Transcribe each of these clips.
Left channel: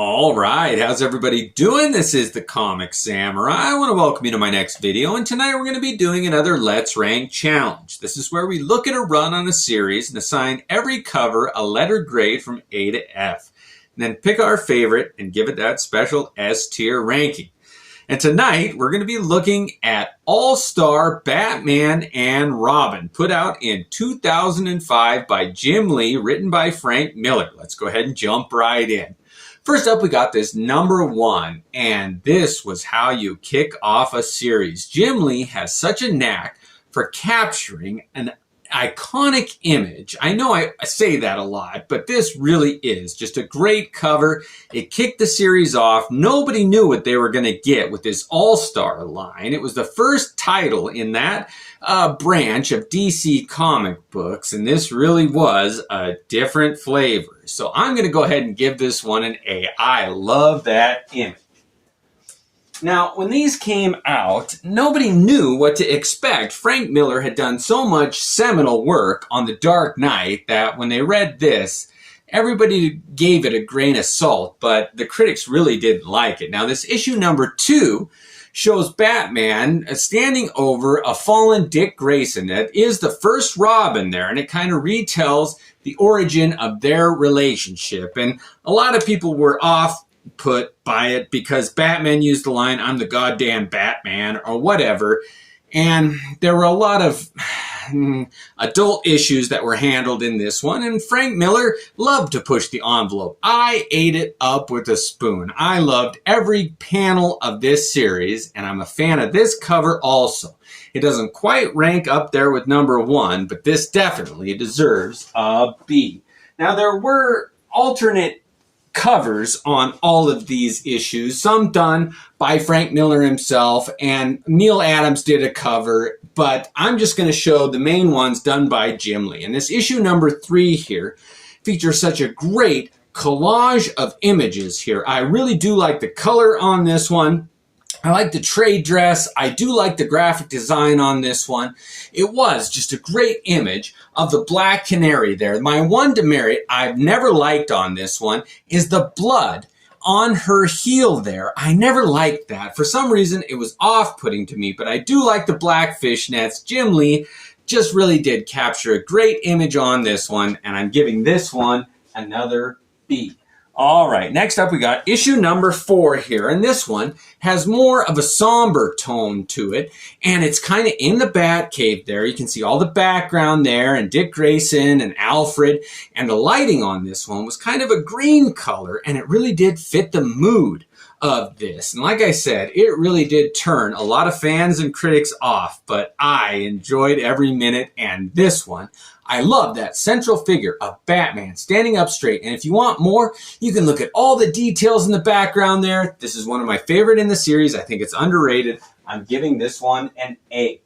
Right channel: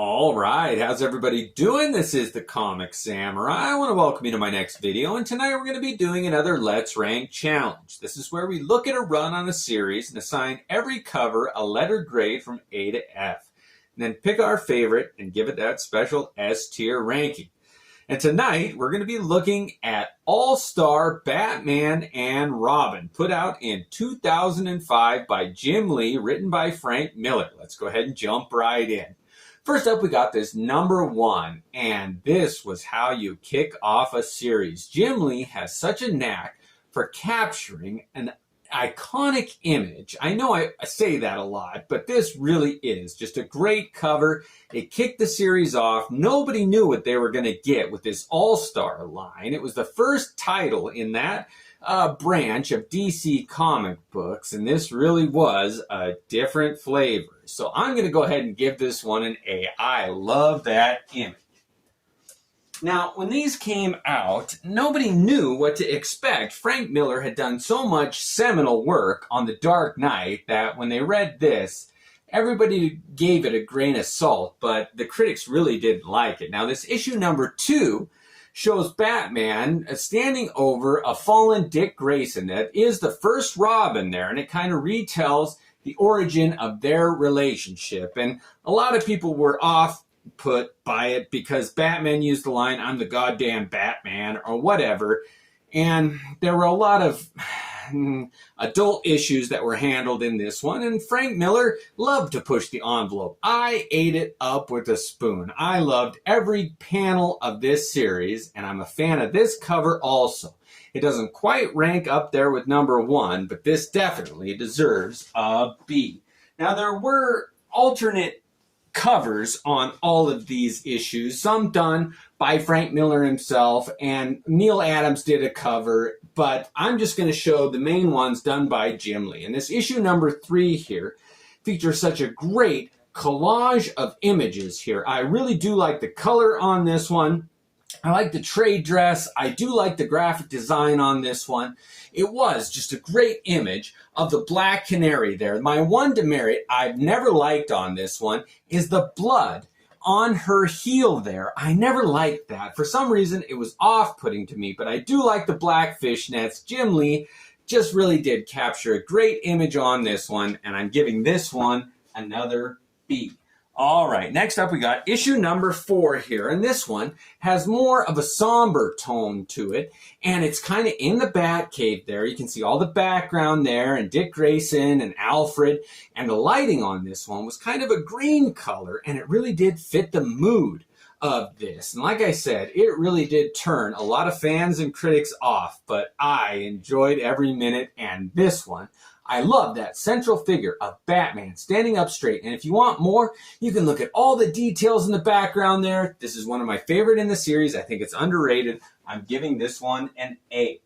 All right, how's everybody doing? This is the Comic Samurai. I want to welcome you to my next video, and tonight we're going to be doing another Let's Rank challenge. This is where we look at a run on a series and assign every cover a letter grade from A to F, and then pick our favorite and give it that special S tier ranking. And tonight we're going to be looking at All-Star Batman and Robin, put out in 2005 by Jim Lee, written by Frank Miller. Let's go ahead and jump right in. First up, we got this #1, and this was how you kick off a series. Jim Lee has such a knack for capturing an iconic image. I know I say that a lot, but this really is just a great cover. It kicked the series off. Nobody knew what they were going to get with this All-Star line. It was the first title in that branch of DC comic books, and this really was a different flavor. So I'm going to go ahead and give this one an A. I love that image. Now, when these came out, nobody knew what to expect. Frank Miller had done so much seminal work on The Dark Knight that when they read this, everybody gave it a grain of salt, but the critics really didn't like it. Now, this issue #2 shows Batman standing over a fallen Dick Grayson. That is the first Robin there, and it kind of retells the origin of their relationship. And a lot of people were put by it because Batman used the line, "I'm the goddamn Batman," or whatever. And there were a lot of adult issues that were handled in this one, and Frank Miller loved to push the envelope. I ate it up with a spoon. I loved every panel of this series, and I'm a fan of this cover also. It doesn't quite rank up there with #1, but this definitely deserves a B. Now, there were alternate covers on all of these issues, some done by Frank Miller himself, and Neil Adams did a cover, but I'm just going to show the main ones done by Jim Lee. And this issue #3 here features such a great collage of images here. I really do like the color on this one. I like the trade dress. I do like the graphic design on this one. It was just a great image of the Black Canary there. My one demerit I've never liked on this one is the blood on her heel there. I never liked that. For some reason, it was off-putting to me, but I do like the black fishnets. Jim Lee just really did capture a great image on this one, and I'm giving this one another B. All right, next up we got issue #4 here, and this one has more of a somber tone to it, and it's kind of in the Batcave there. You can see all the background there, and Dick Grayson and Alfred, and the lighting on this one was kind of a green color, and it really did fit the mood of this. And like I said, it really did turn a lot of fans and critics off, but I enjoyed every minute, and this one, I love that central figure of Batman standing up straight. And if you want more, you can look at all the details in the background there. This is one of my favorite in the series. I think it's underrated. I'm giving this one an A.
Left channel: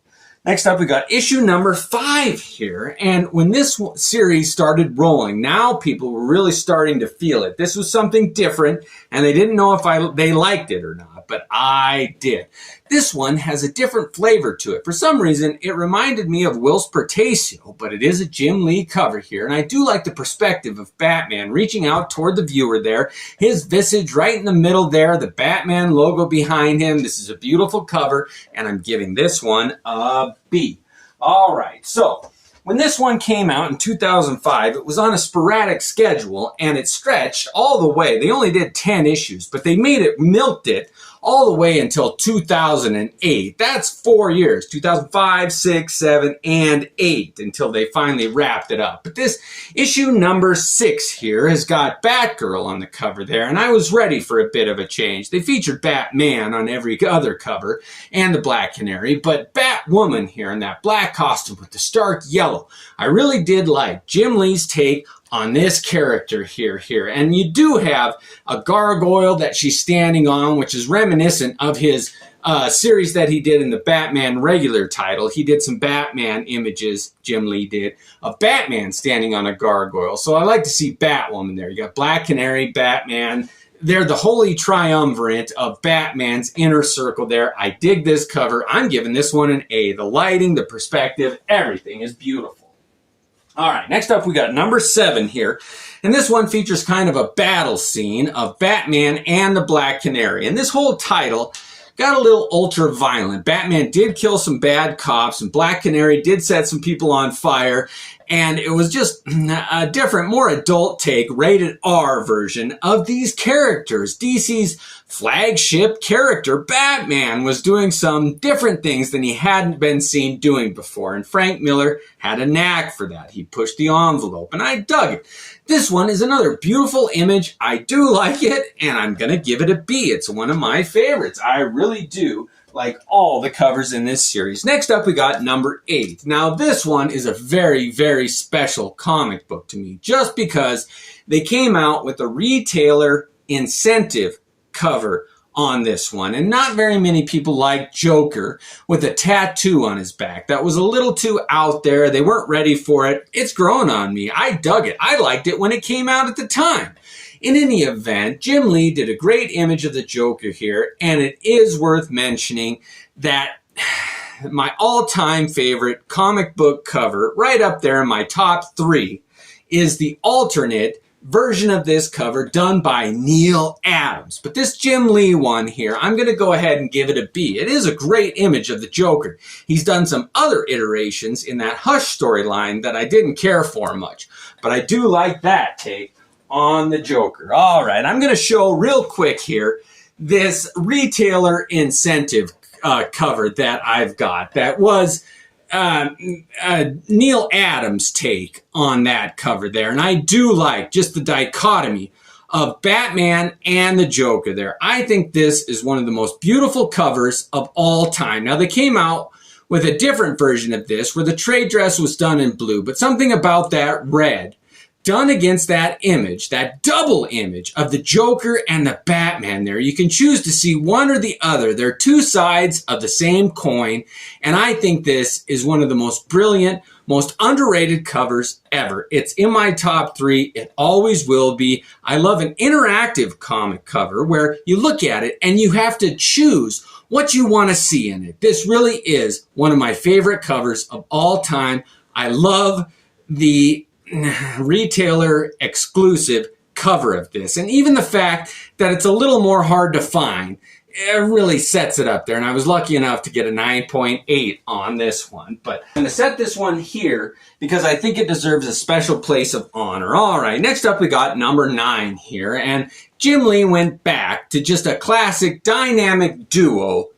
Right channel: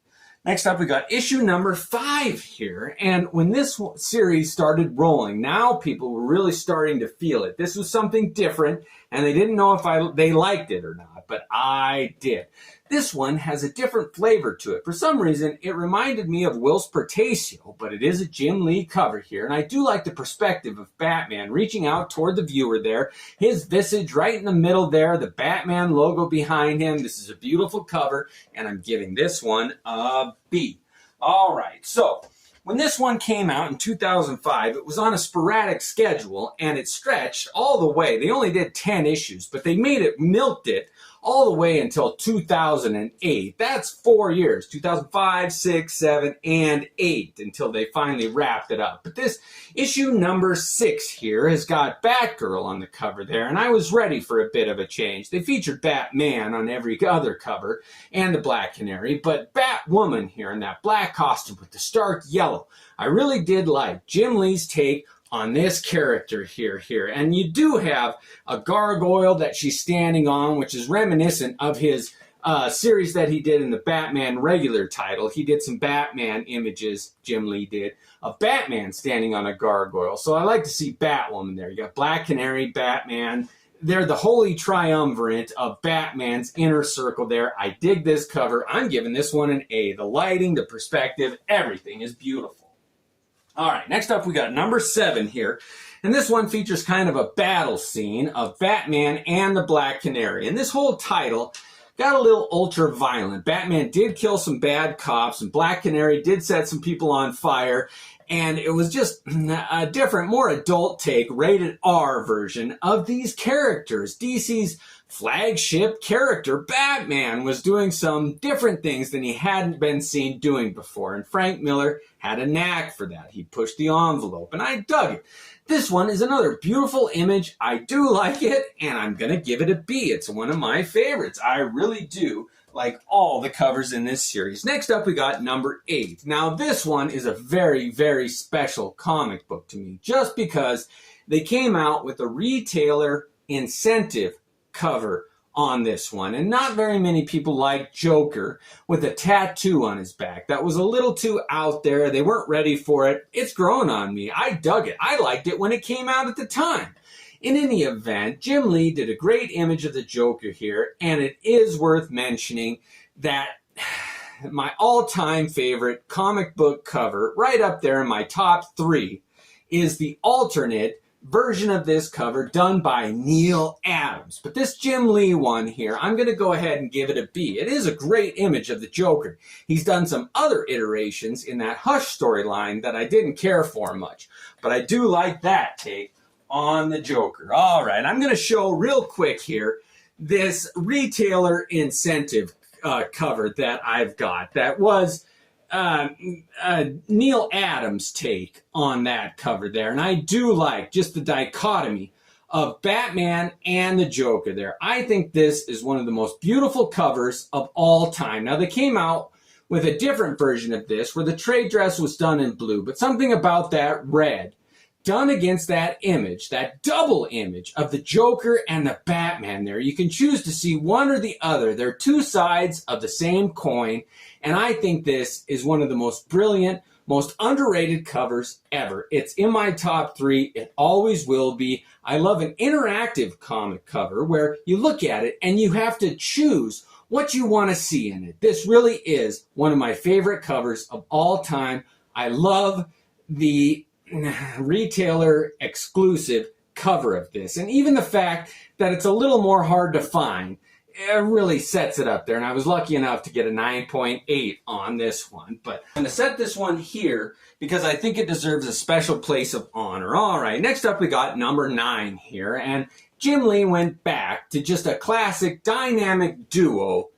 Next up, we got issue #5 here. And when this series started rolling, now people were really starting to feel it. This was something different, and they didn't know if they liked it or not, but I did. This one has a different flavor to it. For some reason, it reminded me of Whilce Portacio, but it is a Jim Lee cover here, and I do like the perspective of Batman reaching out toward the viewer there, his visage right in the middle there, the Batman logo behind him. This is a beautiful cover, and I'm giving this one a B. All right, so when this one came out in 2005, it was on a sporadic schedule, and it stretched all the way. They only did 10 issues, but they milked it all the way until 2008. That's 4 years, 2005, 6, 7, and 8, until they finally wrapped it up. But this issue #6 here has got Batgirl on the cover there, and I was ready for a bit of a change. They featured Batman on every other cover, and the Black Canary, but Batwoman here in that black costume with the stark yellow. I really did like Jim Lee's take on this character here. And you do have a gargoyle that she's standing on, which is reminiscent of his series that he did in the Batman regular title. He did some Batman images, Jim Lee did, of Batman standing on a gargoyle. So I like to see Batwoman there. You got Black Canary, Batman. They're the holy triumvirate of Batman's inner circle there. I dig this cover. I'm giving this one an A. The lighting, the perspective, everything is beautiful. All right, next up we got #7 here. And this one features kind of a battle scene of Batman and the Black Canary. And this whole title got a little ultra-violent. Batman did kill some bad cops, and Black Canary did set some people on fire. And it was just a different, more adult take, rated R version of these characters. DC's flagship character, Batman, was doing some different things than he hadn't been seen doing before. And Frank Miller had a knack for that. He pushed the envelope, and I dug it. This one is another beautiful image. I do like it, and I'm going to give it a B. It's one of my favorites. I really do like all the covers in this series. Next up, we got number 8. Now, this one is a very, very special comic book to me, just because they came out with a retailer incentive cover on this one. And not very many people like Joker with a tattoo on his back. That was a little too out there. They weren't ready for it. It's grown on me. I dug it. I liked it when it came out at the time. In any event, Jim Lee did a great image of the Joker here, and it is worth mentioning that my all-time favorite comic book cover, right up there in my top 3, is the alternate version of this cover done by Neil Adams. But this Jim Lee one here, I'm going to go ahead and give it a B. It is a great image of the Joker. He's done some other iterations in that Hush storyline that I didn't care for much, but I do like that take on the Joker. All right, I'm going to show real quick here this retailer incentive cover that I've got. That was Neil Adams' take on that cover there. And I do like just the dichotomy of Batman and the Joker there. I think this is one of the most beautiful covers of all time. Now, they came out with a different version of this where the trade dress was done in blue, but something about that red done against that image, that double image of the Joker and the Batman there. You can choose to see one or the other. They're two sides of the same coin, and I think this is one of the most brilliant, most underrated covers ever. It's in my top 3. It always will be. I love an interactive comic cover where you look at it and you have to choose what you want to see in it. This really is one of my favorite covers of all time. I love the retailer exclusive cover of this, and even the fact that it's a little more hard to find, it really sets it up there. And I was lucky enough to get a 9.8 on this one, but I'm going to set this one here because I think it deserves a special place of honor. All right, next up we got number 9 here, and Jim Lee went back to just a classic dynamic duo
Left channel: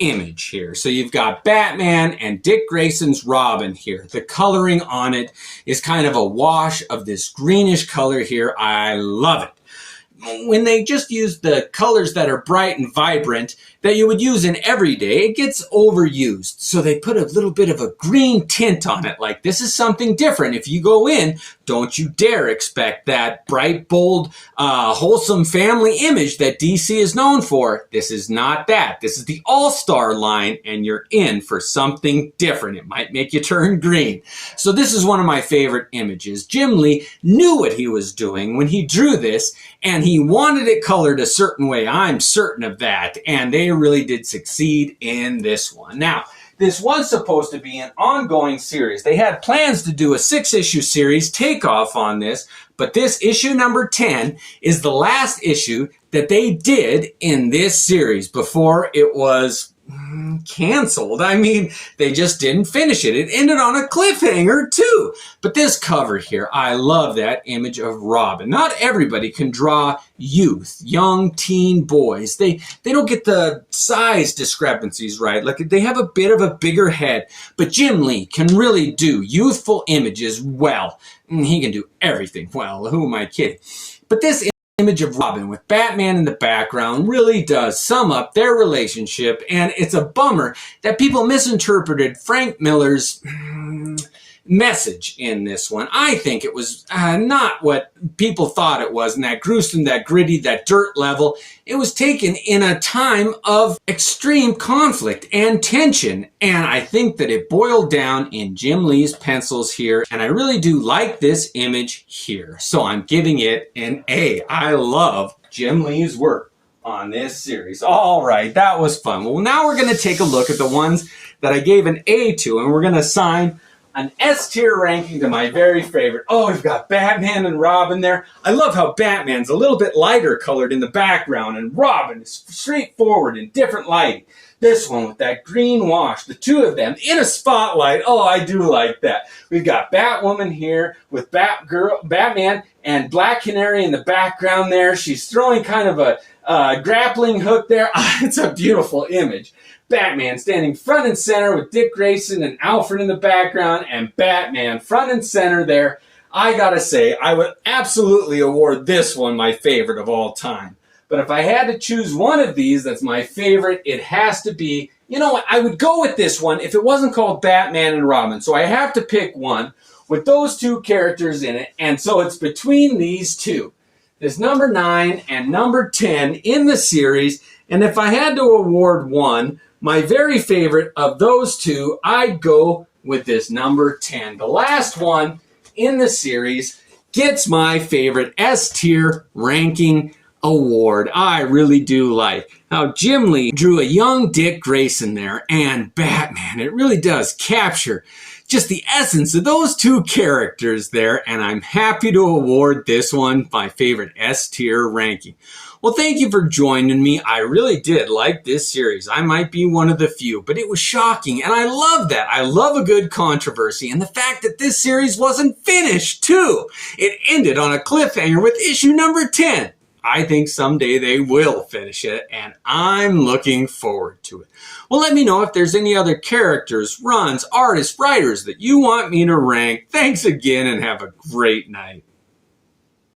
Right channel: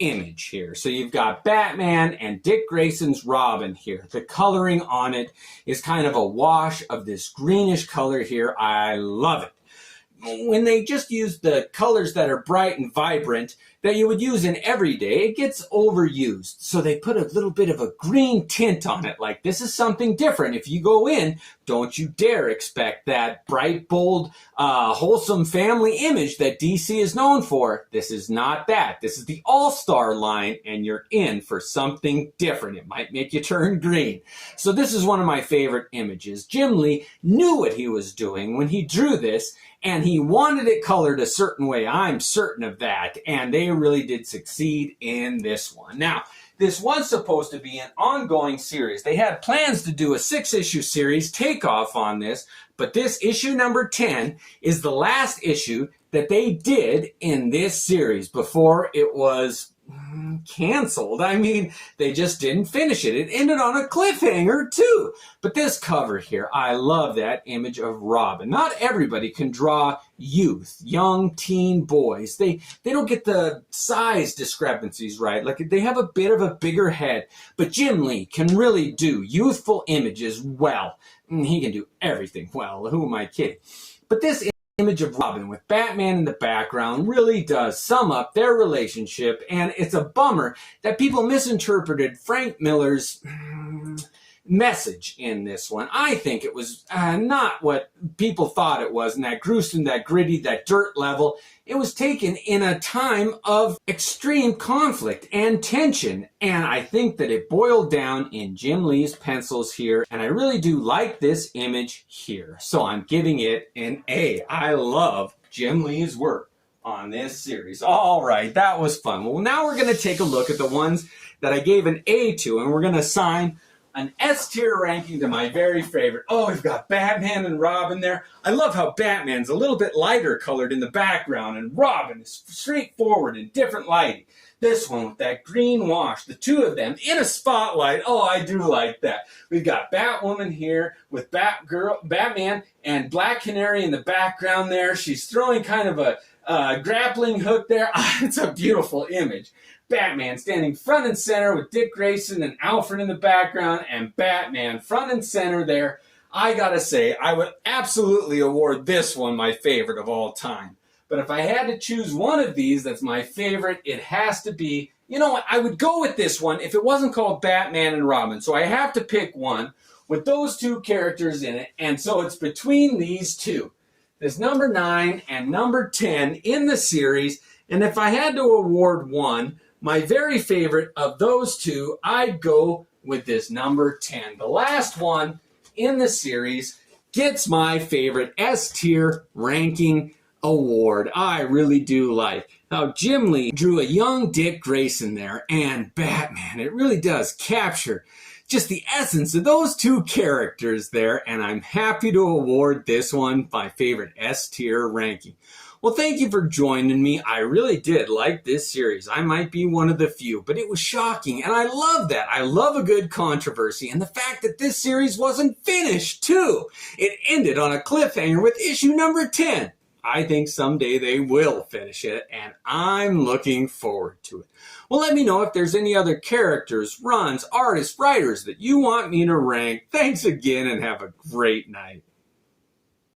image here. So you've got Batman and Dick Grayson's Robin here. The coloring on it is kind of a wash of this greenish color here. I love it. When they just use the colors that are bright and vibrant that you would use in every day, it gets overused. So they put a little bit of a green tint on it. Like, this is something different. If you go in, don't you dare expect that bright, bold, wholesome family image that DC is known for. This is not that. This is the all-star line, and you're in for something different. It might make you turn green. So this is one of my favorite images. Jim Lee knew what he was doing when he drew this, and he wanted it colored a certain way. I'm certain of that. And they really did succeed in this one. Now, this was supposed to be an ongoing series. They had plans to do a 6-issue series takeoff on this, but this issue number 10 is the last issue that they did in this series before it was canceled. I mean, they just didn't finish it. It ended on a cliffhanger too. But this cover here, I love that image of Robin. Not everybody can draw youth, young teen boys. They don't get the size discrepancies right. Like, they have a bit of a bigger head. But Jim Lee can really do youthful images well. He can do everything well. Who am I kidding? But this image of Robin with Batman in the background really does sum up their relationship, and it's a bummer that people misinterpreted Frank Miller's message in this one. I think it was not what people thought it was, and that gruesome, that gritty, that dirt level. It was taken in a time of extreme conflict and tension, and I think that it boiled down in Jim Lee's pencils here, and I really do like this image here. So I'm giving it an A. I love Jim Lee's work on this series. All right, that was fun. Well, now we're going to take a look at the ones that I gave an A to, and we're going to assign an S tier ranking to my very favorite. Oh, we've got Batman and Robin there. I love how Batman's a little bit lighter colored in the background and Robin is straightforward in different lighting. This one with that green wash, the two of them in a spotlight. Oh, I do like that. We've got Batwoman here with Batman and Black Canary in the background there. She's throwing kind of a grappling hook there. It's a beautiful image. Batman standing front and center with Dick Grayson and Alfred in the background, and Batman front and center there. I gotta say, I would absolutely award this one my favorite of all time. But if I had to choose one of these that's my favorite, it has to be, you know what, I would go with this one if it wasn't called Batman and Robin. So I have to pick one with those two characters in it, and so it's between these two. This number 9 and number 10 in the series, and if I had to award one, my very favorite of those two, I'd go with this number 10. The last one in the series gets my favorite S tier ranking award. I really do like how Jim Lee drew a young Dick Grayson there and Batman. It really does capture just the essence of those two characters there, and I'm happy to award this one my favorite S tier ranking. Well, thank you for joining me. I really did like this series. I might be one of the few, but it was shocking, and I love that. I love a good controversy, and the fact that this series wasn't finished, too. It ended on a cliffhanger with issue number 10. I think someday they will finish it, and I'm looking forward to it. Well, let me know if there's any other characters, runs, artists, writers that you want me to rank. Thanks again, and have a great night.